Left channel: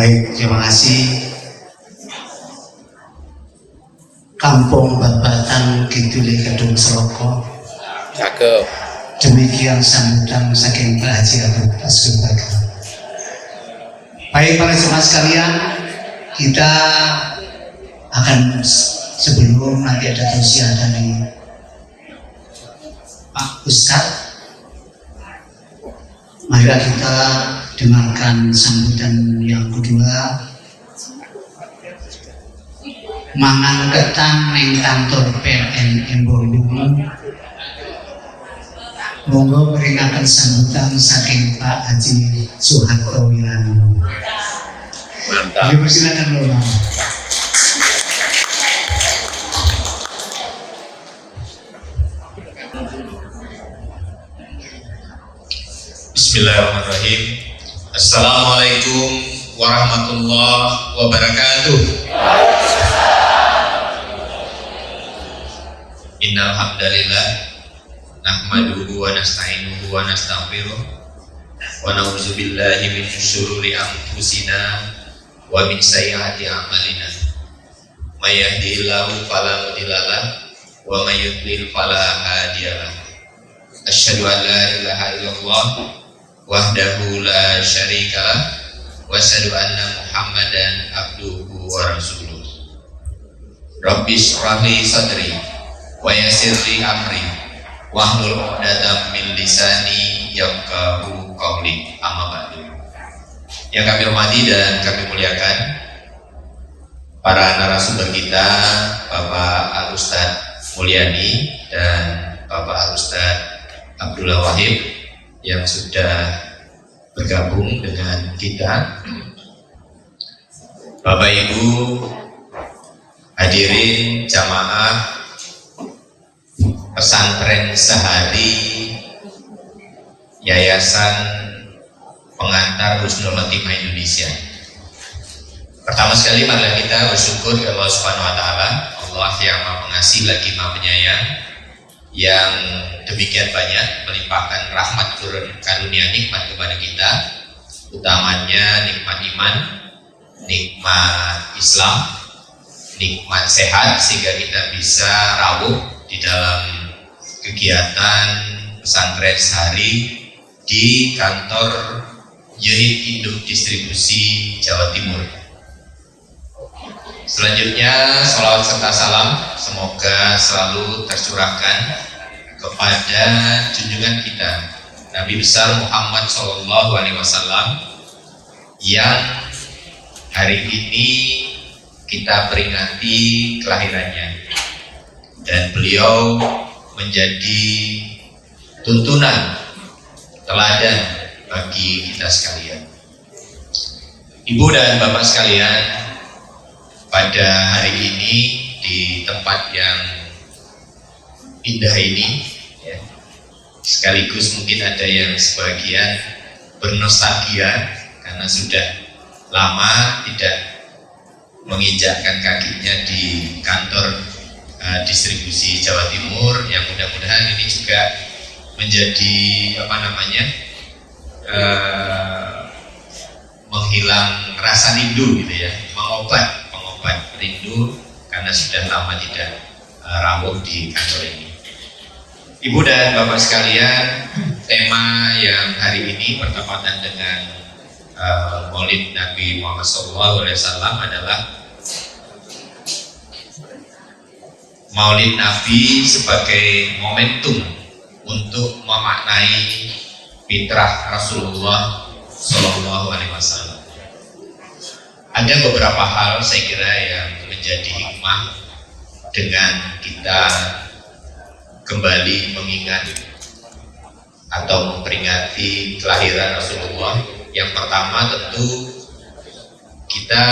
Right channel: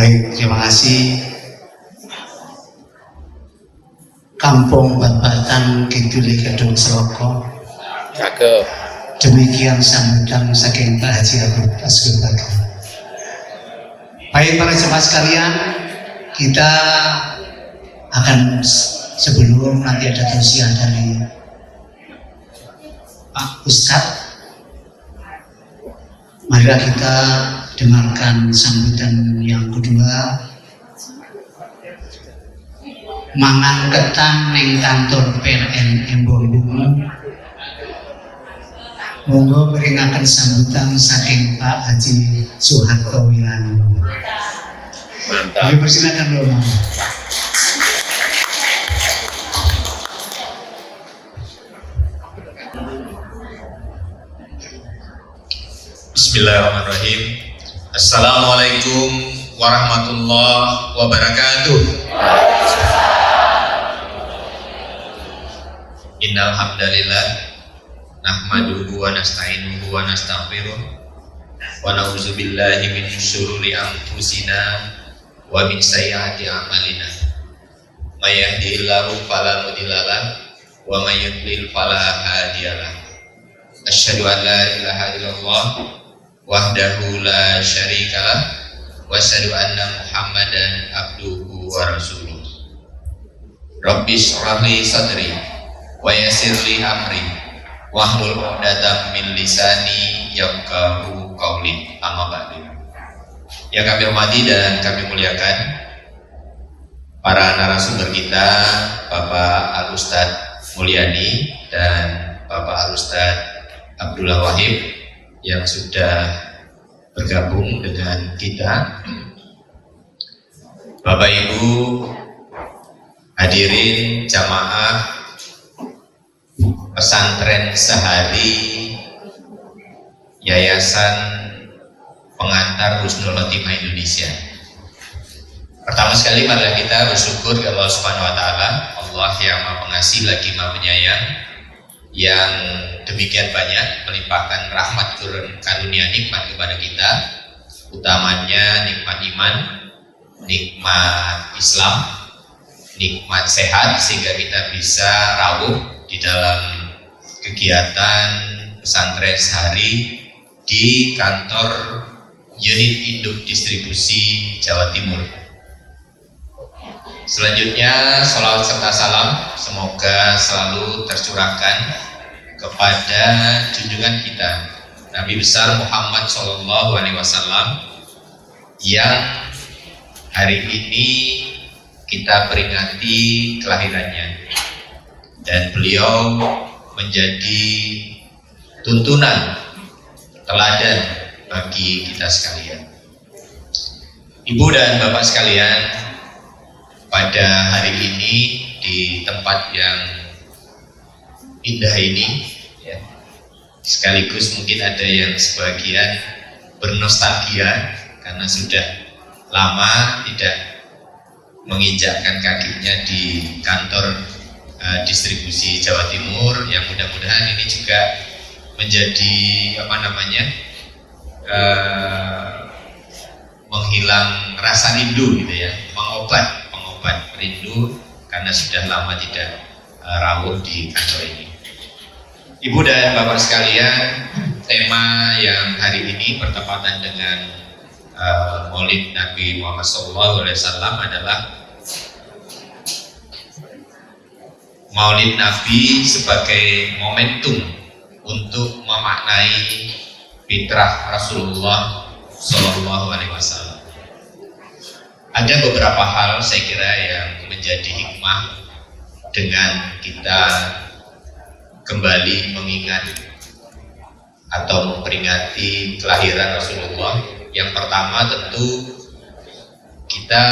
Baik, terima kasih. Kampung Babatan Kidul Kedung Seloko. Cakep. Demikian sambutan saking Pak Haji Abdul Basgumbaga. Baik para jemaah sekalian, kita akan sebelum nanti ada tausiah dari Pak Ustadz, marilah kita dengarkan sambutan yang kedua. Mangan ketan ning kantor PLN Embong. Monggo peringakan sambutan saking Pak Haji Soeharto Wirano. Mantap. Silakan Romo. Bismillahirrahmanirrahim. Assalamualaikum warahmatullahi wabarakatuh. Innal hamdalillah nahmaduhu wa nasta'inuhu wa nastaghfiruh wa na'udzu billahi min syururi anfusina wa min sayyiati a'malina. May yahdihillahu fala mudilla lahu wa may yudlil fala hadiyalah. Asyhadu an la ilaha illallah wahdahu la syarikalah wa asyhadu anna Muhammadan abduhu wa rasuluh. Rabbi shrah li sadri wa yassir li amri wahlul 'uqdatam min lisani yafqahu qawli. Amma ba'du. Yang kami hormati dan kami muliakan para narasumber kita, Bapak Al-Ustadz Mulyani dan Bapak Al-Ustadz Abdullah Wahib yang sudah bergabung dengan kita. Bapak Ibu hadirin jamaah pesantren sehari Yayasan Pengantar Husnul Khotimah Indonesia. Pertama sekali marilah kita bersyukur kepada Allah Subhanahu wa taala, Allah yang Maha Pengasih lagi Maha Penyayang, yang demikian banyak melimpahkan rahmat karunia nikmat kepada kita, utamanya nikmat iman, nikmat Islam, nikmat sehat, sehingga kita bisa rawuh di dalam kegiatan pesantren sehari di kantor unit induk distribusi Jawa Timur. Selanjutnya, salawat serta salam semoga selalu tercurahkan kepada junjungan kita Nabi besar Muhammad SAW yang hari ini kita peringati kelahirannya, dan beliau menjadi tuntunan teladan bagi kita sekalian. Ibu dan bapak sekalian, pada hari ini di tempat yang indah ini, ya, sekaligus mungkin ada yang sebagian bernostalgia karena sudah lama tidak menginjakkan kakinya di kantor distribusi Jawa Timur, yang mudah-mudahan ini juga menjadi menghilang rasa rindu gitu ya, mengobat rindu karena sudah lama tidak rawuh di kantor ini. Ibu dan bapak sekalian, tema yang hari ini bertepatan dengan Maulid Nabi Muhammad SAW adalah Maulid Nabi sebagai momentum untuk memaknai fitrah Rasulullah SAW. Ada beberapa hal saya kira yang menjadi hikmah dengan kita kembali mengingat atau memperingati kelahiran Rasulullah. Yang pertama tentu kita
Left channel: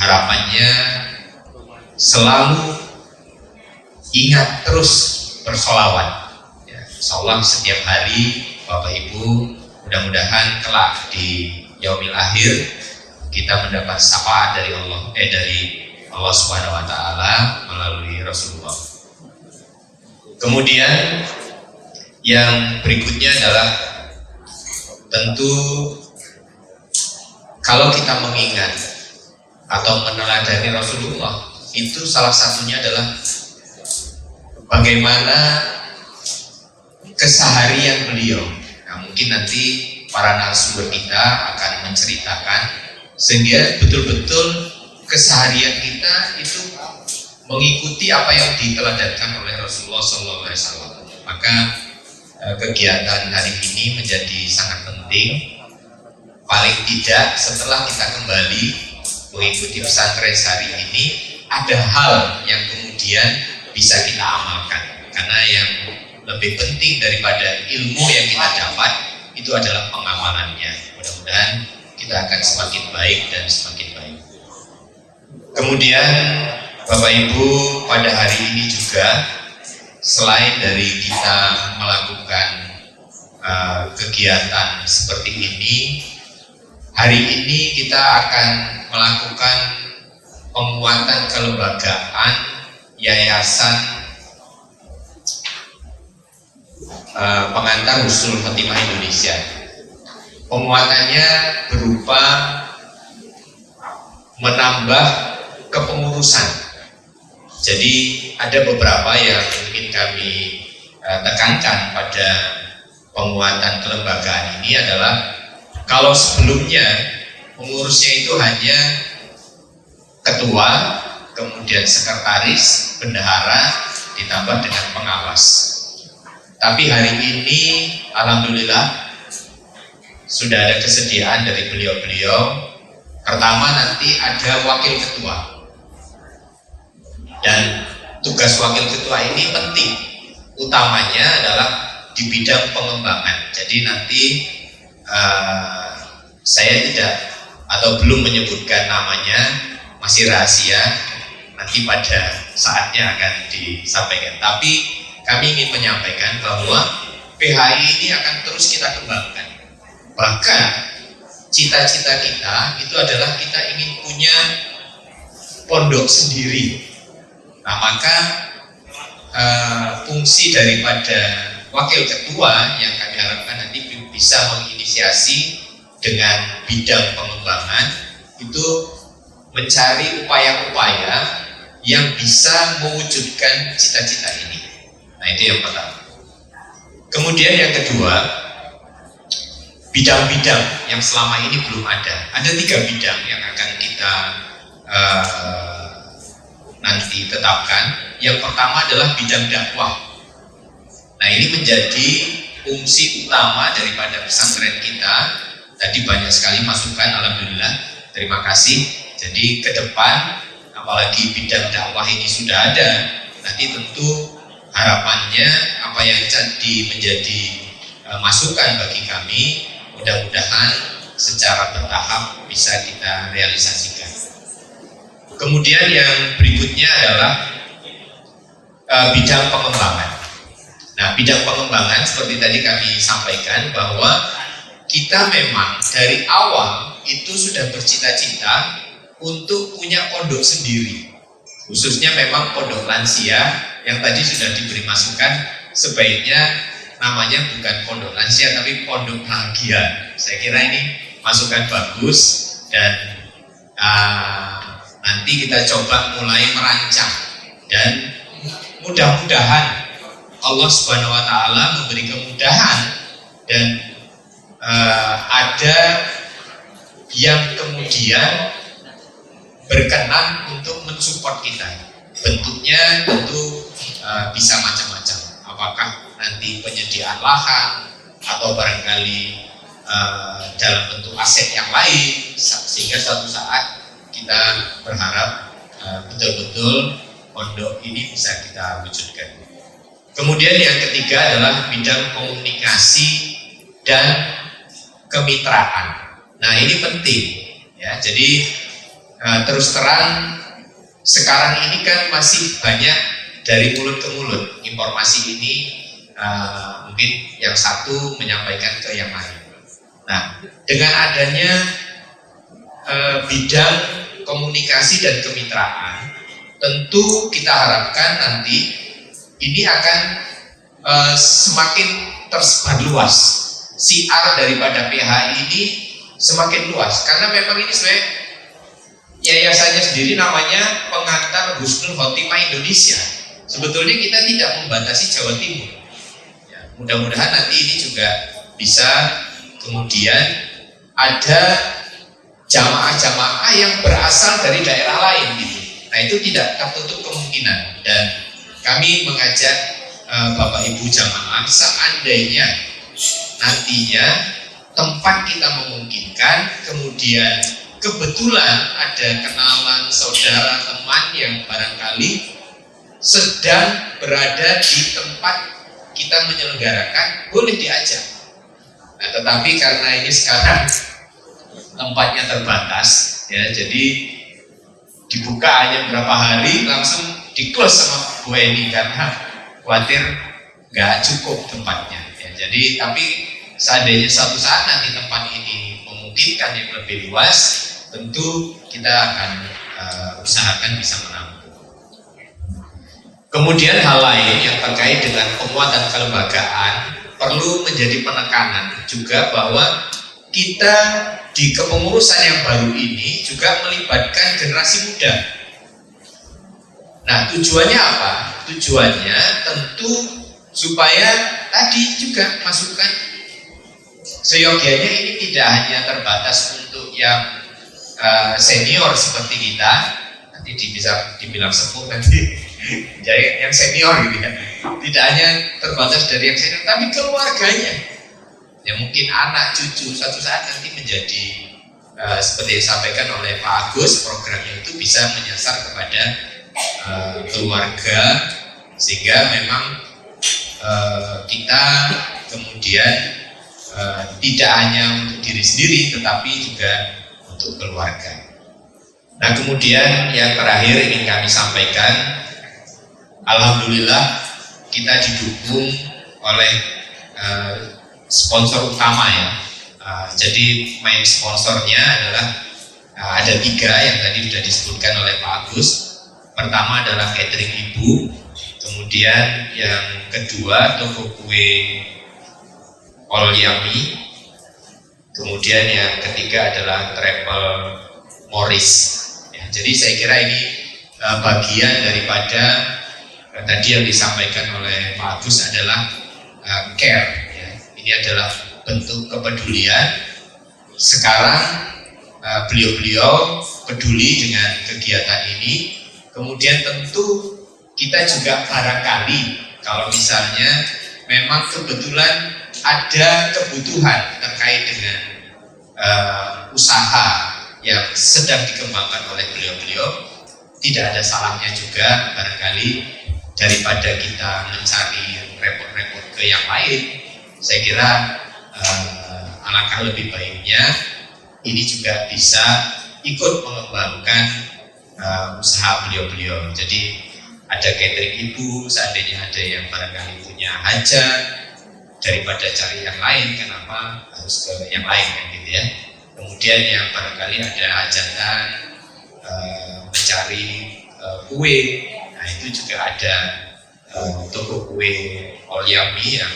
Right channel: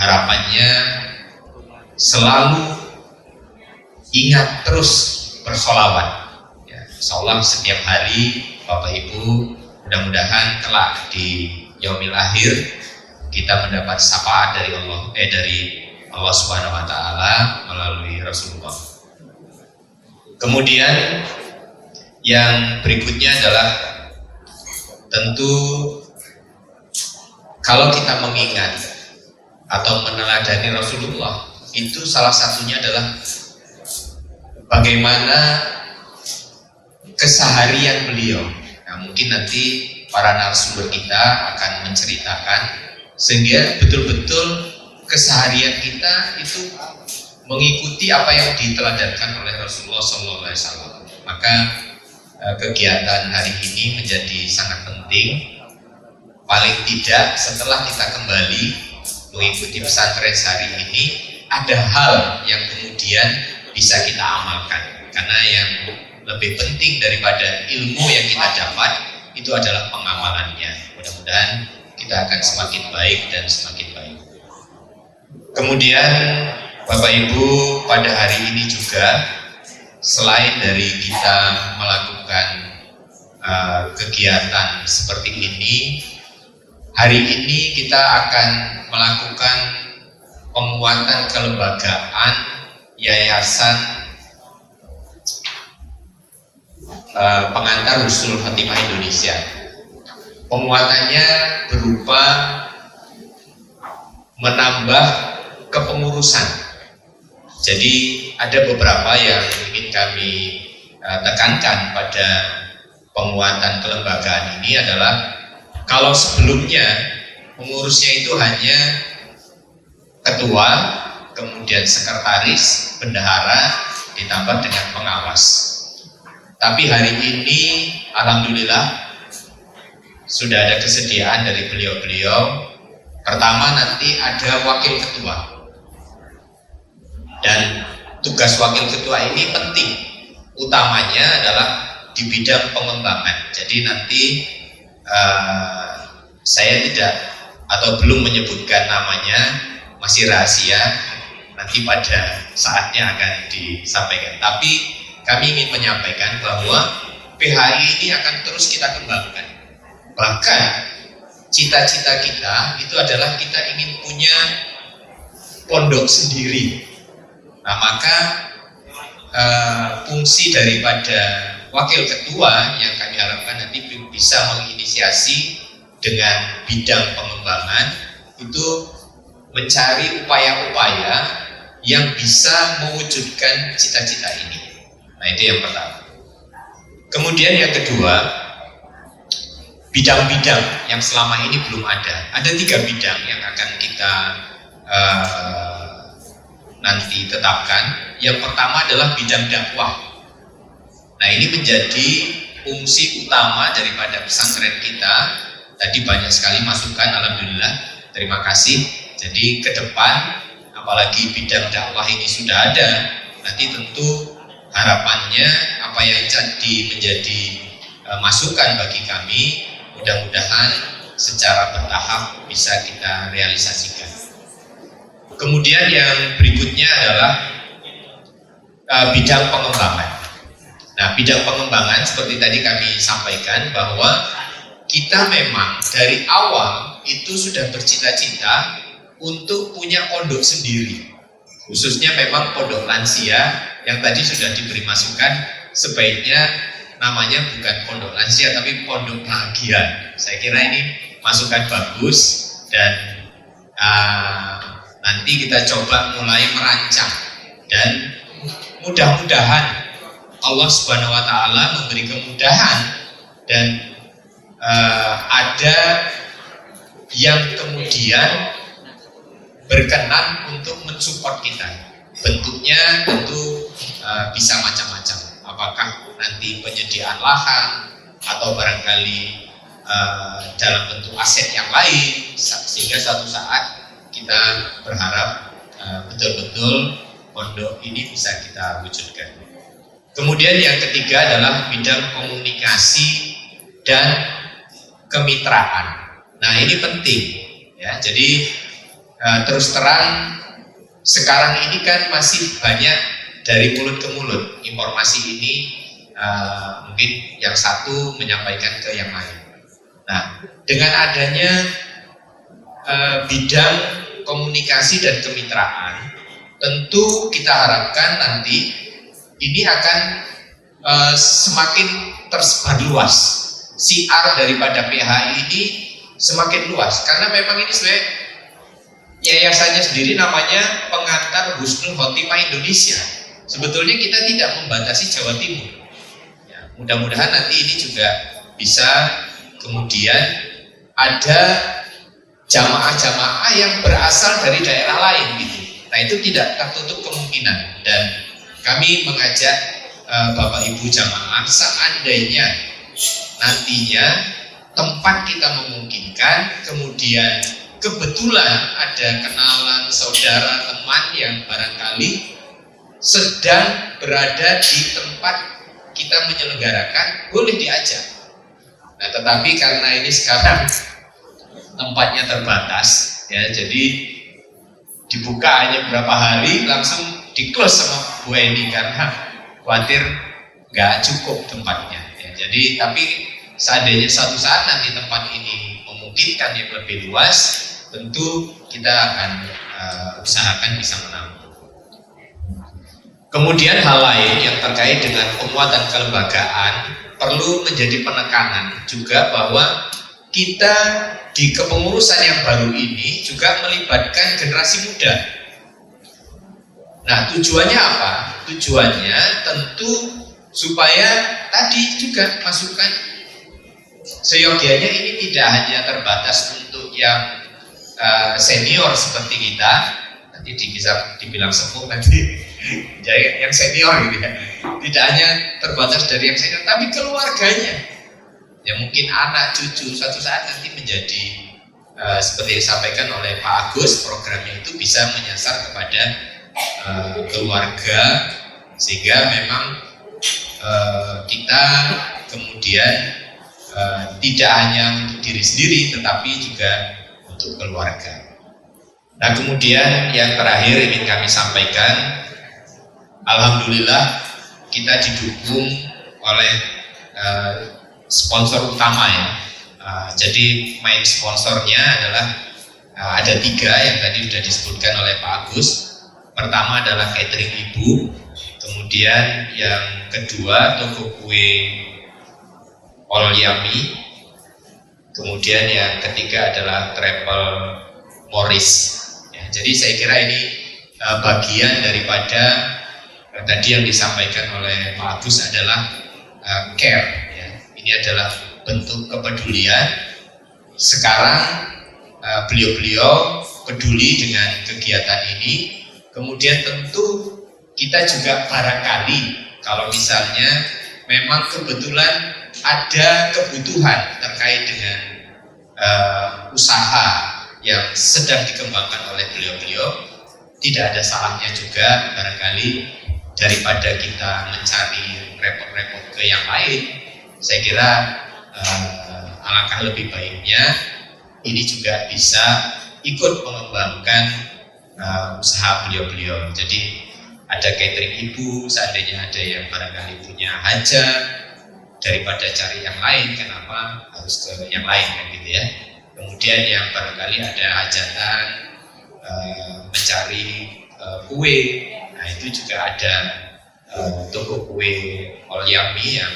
harapannya selalu ingat terus bersolawat, ya, insyaallah setiap hari Bapak Ibu, mudah-mudahan kelak di yaumil akhir kita mendapat syafaat dari Allah Subhanahu wa taala melalui Rasulullah. Kemudian yang berikutnya adalah tentu kalau kita mengingat atau meneladani Rasulullah, itu salah satunya adalah bagaimana keseharian beliau. Nah, mungkin nanti para narasumber kita akan menceritakan sehingga betul-betul keseharian kita itu mengikuti apa yang diteladankan oleh Rasulullah SAW. Maka kegiatan hari ini menjadi sangat penting. Paling tidak setelah kita kembali mengikuti pesantren hari ini, ada hal yang kemudian bisa kita amalkan. Karena yang lebih penting daripada ilmu yang kita dapat itu adalah pengamalannya. Mudah-mudahan kita akan semakin baik dan semakin baik. Kemudian Bapak Ibu, pada hari ini juga selain dari kita melakukan kegiatan seperti ini, hari ini kita akan melakukan penguatan kelembagaan Yayasan Pengantar Husnul Khotimah Indonesia. Penguatannya berupa menambah kepengurusan. Jadi ada beberapa yang ingin kami tekankan pada penguatan kelembagaan ini adalah kalau sebelumnya pengurusnya itu hanya ketua, kemudian sekretaris, bendahara, ditambah dengan pengawas. Tapi hari ini alhamdulillah sudah ada kesediaan dari beliau-beliau. Pertama nanti ada wakil ketua. Dan tugas wakil ketua ini penting. Utamanya adalah di bidang pengembangan. Jadi nanti saya tidak atau belum menyebutkan namanya, masih rahasia. Nanti pada saatnya akan disampaikan. Tapi kami ingin menyampaikan bahwa PHI ini akan terus kita kembangkan. Bahkan cita-cita kita itu adalah kita ingin punya pondok sendiri. Nah, maka fungsi daripada wakil ketua yang kami harapkan nanti bisa menginisiasi dengan bidang pengembangan itu mencari upaya-upaya yang bisa mewujudkan cita-cita ini. Nah, itu yang pertama. Kemudian yang kedua, bidang-bidang yang selama ini belum ada. Ada 3 bidang yang akan kita nanti tetapkan. Yang pertama adalah bidang dakwah. Nah, ini menjadi fungsi utama daripada pesantren kita. Tadi banyak sekali masukan, alhamdulillah, terima kasih. Jadi ke depan, apalagi bidang dakwah ini sudah ada, nanti tentu harapannya apa yang jadi menjadi masukan bagi kami, mudah-mudahan secara bertahap bisa kita realisasikan. Kemudian yang berikutnya adalah bidang pengembangan. Nah, bidang pengembangan seperti tadi kami sampaikan bahwa kita memang dari awal itu sudah bercita-cita untuk punya pondok sendiri. Khususnya memang pondok lansia yang tadi sudah diberi masukan, sebaiknya namanya bukan pondok lansia tapi pondok bahagia. Saya kira ini masukan bagus dan nanti kita coba mulai merancang dan mudah-mudahan Allah Subhanahu wa Ta'ala memberi kemudahan dan ada yang kemudian berkenan untuk mensupport kita. Bentuknya tentu bisa macam-macam. Apakah nanti penyediaan lahan atau barangkali dalam bentuk aset yang lain, sehingga suatu saat kita berharap betul-betul pondok ini bisa kita wujudkan. Kemudian yang ketiga adalah bidang komunikasi dan kemitraan. Nah, ini penting ya. Jadi terus terang sekarang ini kan masih banyak dari mulut ke mulut informasi ini, mungkin yang satu menyampaikan ke yang lain. Nah, dengan adanya bidang komunikasi dan kemitraan, tentu kita harapkan nanti ini akan semakin tersebar luas. Siar daripada PHI ini semakin luas, karena memang ini sebenarnya yayasannya sendiri namanya Pengantar Husnul Khotimah Indonesia. Sebetulnya kita tidak membatasi Jawa Timur. Ya, mudah-mudahan nanti ini juga bisa kemudian ada jamaah-jamaah yang berasal dari daerah lain gitu. Nah itu tidak tertutup kemungkinan, dan kami mengajak Bapak Ibu jamaah, seandainya nantinya tempat kita memungkinkan, kemudian kebetulan ada kenalan, saudara, teman yang barangkali sedang berada di tempat kita menyelenggarakan, boleh diajak. Nah, tetapi karena ini sekarang tempatnya terbatas, ya, jadi dibuka hanya berapa hari langsung di close sama Bu Eni karena khawatir nggak cukup tempatnya. Ya, jadi tapi seandainya satu saat nanti tempat ini memungkinkan yang lebih luas, tentu kita akan usahakan bisa menampung. Kemudian hal lain yang terkait dengan penguatan kelembagaan perlu menjadi penekanan juga bahwa kita di kepengurusan yang baru ini juga melibatkan generasi muda. Nah, tujuannya apa? Tujuannya tentu supaya tadi juga masukan seyogianya ini tidak hanya terbatas untuk yang senior seperti kita, nanti bisa dibilang sepuh nanti, jadi yang senior gitu ya. Tidak hanya terbatas dari yang senior, tapi keluarganya. Ya mungkin anak cucu suatu saat nanti menjadi seperti yang disampaikan oleh Pak Agus, programnya itu bisa menyasar kepada keluarga, sehingga memang kita kemudian tidak hanya untuk diri sendiri tetapi juga untuk keluarga. Nah kemudian yang terakhir ingin kami sampaikan, alhamdulillah kita didukung oleh sponsor utama ya. Jadi main sponsornya adalah ada 3 yang tadi sudah disebutkan oleh Pak Agus. Pertama adalah catering Ibu, kemudian yang kedua toko kue All Yummy, kemudian yang ketiga adalah Travel Morris. Ya, jadi saya kira ini bagian daripada tadi yang disampaikan oleh Pak Agus adalah care. Ya. Ini adalah bentuk kepedulian. Sekarang beliau-beliau peduli dengan kegiatan ini. Kemudian tentu kita juga barangkali kalau misalnya memang kebetulan ada kebutuhan terkait dengan usaha yang sedang dikembangkan oleh beliau-beliau, tidak ada salahnya juga barangkali daripada kita mencari repot-repot ke yang lain. Saya kira alangkah lebih baiknya ini juga bisa ikut mengembangkan usaha beliau-beliau. Jadi ada catering Ibu, seandainya ada yang barangkali punya hajat, daripada cari yang lain, kenapa harus ke yang lain kan gitu ya. Kemudian yang barangkali ada hajatan mencari kue, nah itu juga ada toko kue All Yummy yang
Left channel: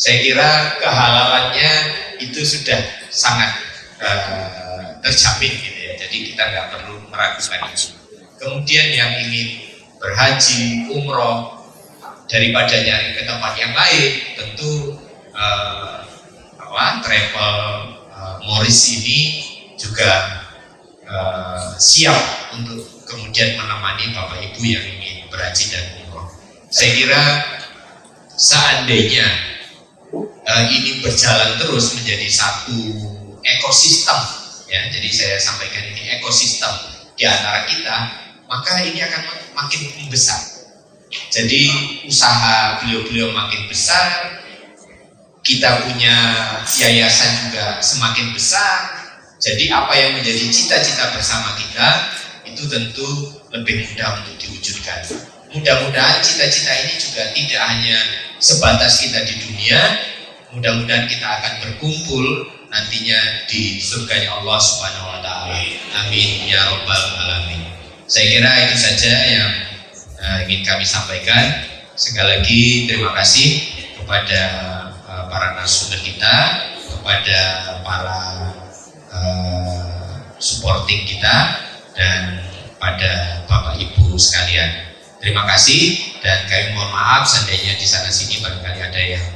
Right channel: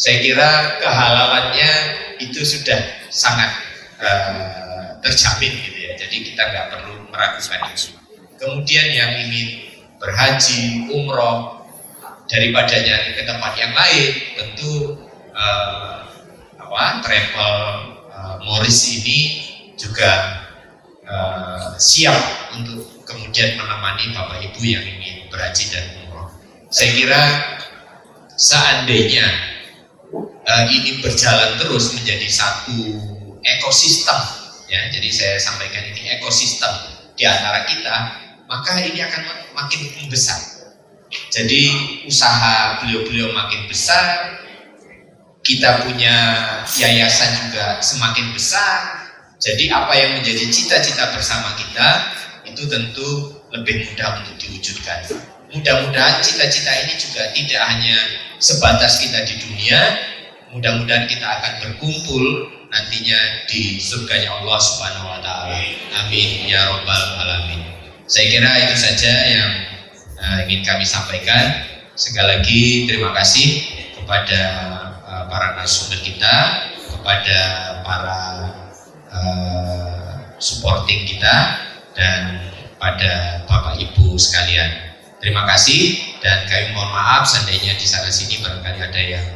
saya kira kehalalannya itu sudah sangat terjamin gitu ya. Jadi kita nggak perlu meragukan itu. Kemudian yang ingin berhaji, umroh, daripada nyari ke tempat yang lain, tentu Travel Morris ini juga siap untuk kemudian menemani Bapak Ibu yang ingin berhaji dan umroh. Saya kira seandainya ini berjalan terus menjadi satu ekosistem, ya, jadi saya sampaikan ini ekosistem di antara kita, maka ini akan makin besar. Jadi usaha beliau-beliau makin besar, kita punya yayasan juga semakin besar. Jadi apa yang menjadi cita-cita bersama kita itu tentu lebih mudah untuk diwujudkan. Mudah-mudahan cita-cita ini juga tidak hanya sebatas kita di dunia, mudah-mudahan kita akan berkumpul nantinya di surganya Allah Subhanahu wa taala. Amin ya rabbal alamin. Saya kira itu saja yang ingin kami sampaikan. Sekali lagi terima kasih kepada para narasumber kita, kepada para supporting kita dan pada Bapak Ibu sekalian. Terima kasih dan kami mohon maaf seandainya di sana sini barangkali ada yang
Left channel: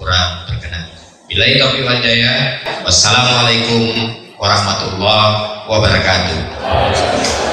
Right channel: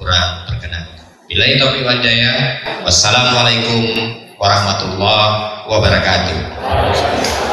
kurang berkenan. Billahi taufiq wal hidayah. Wassalamualaikum warahmatullahi wabarakatuh.